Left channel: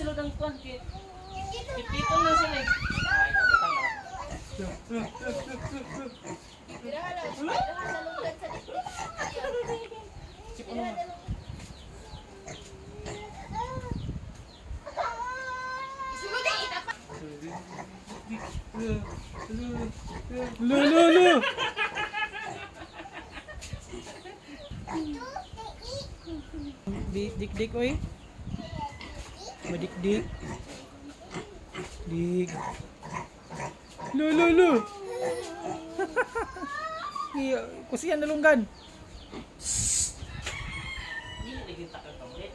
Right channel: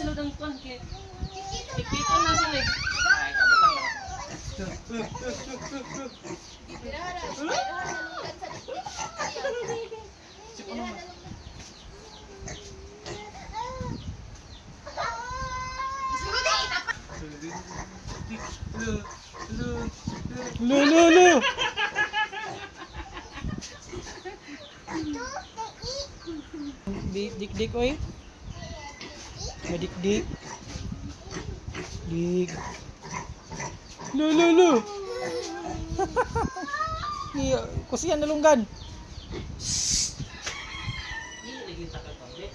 sulod ang kuan kay. Ikito na sila. Ay, kabutang na. Sip ano mas? Lu. Dik oy. Madik-dik. Dik. Lu. Iya, kusian nalunggan. Di lagi takot pamret.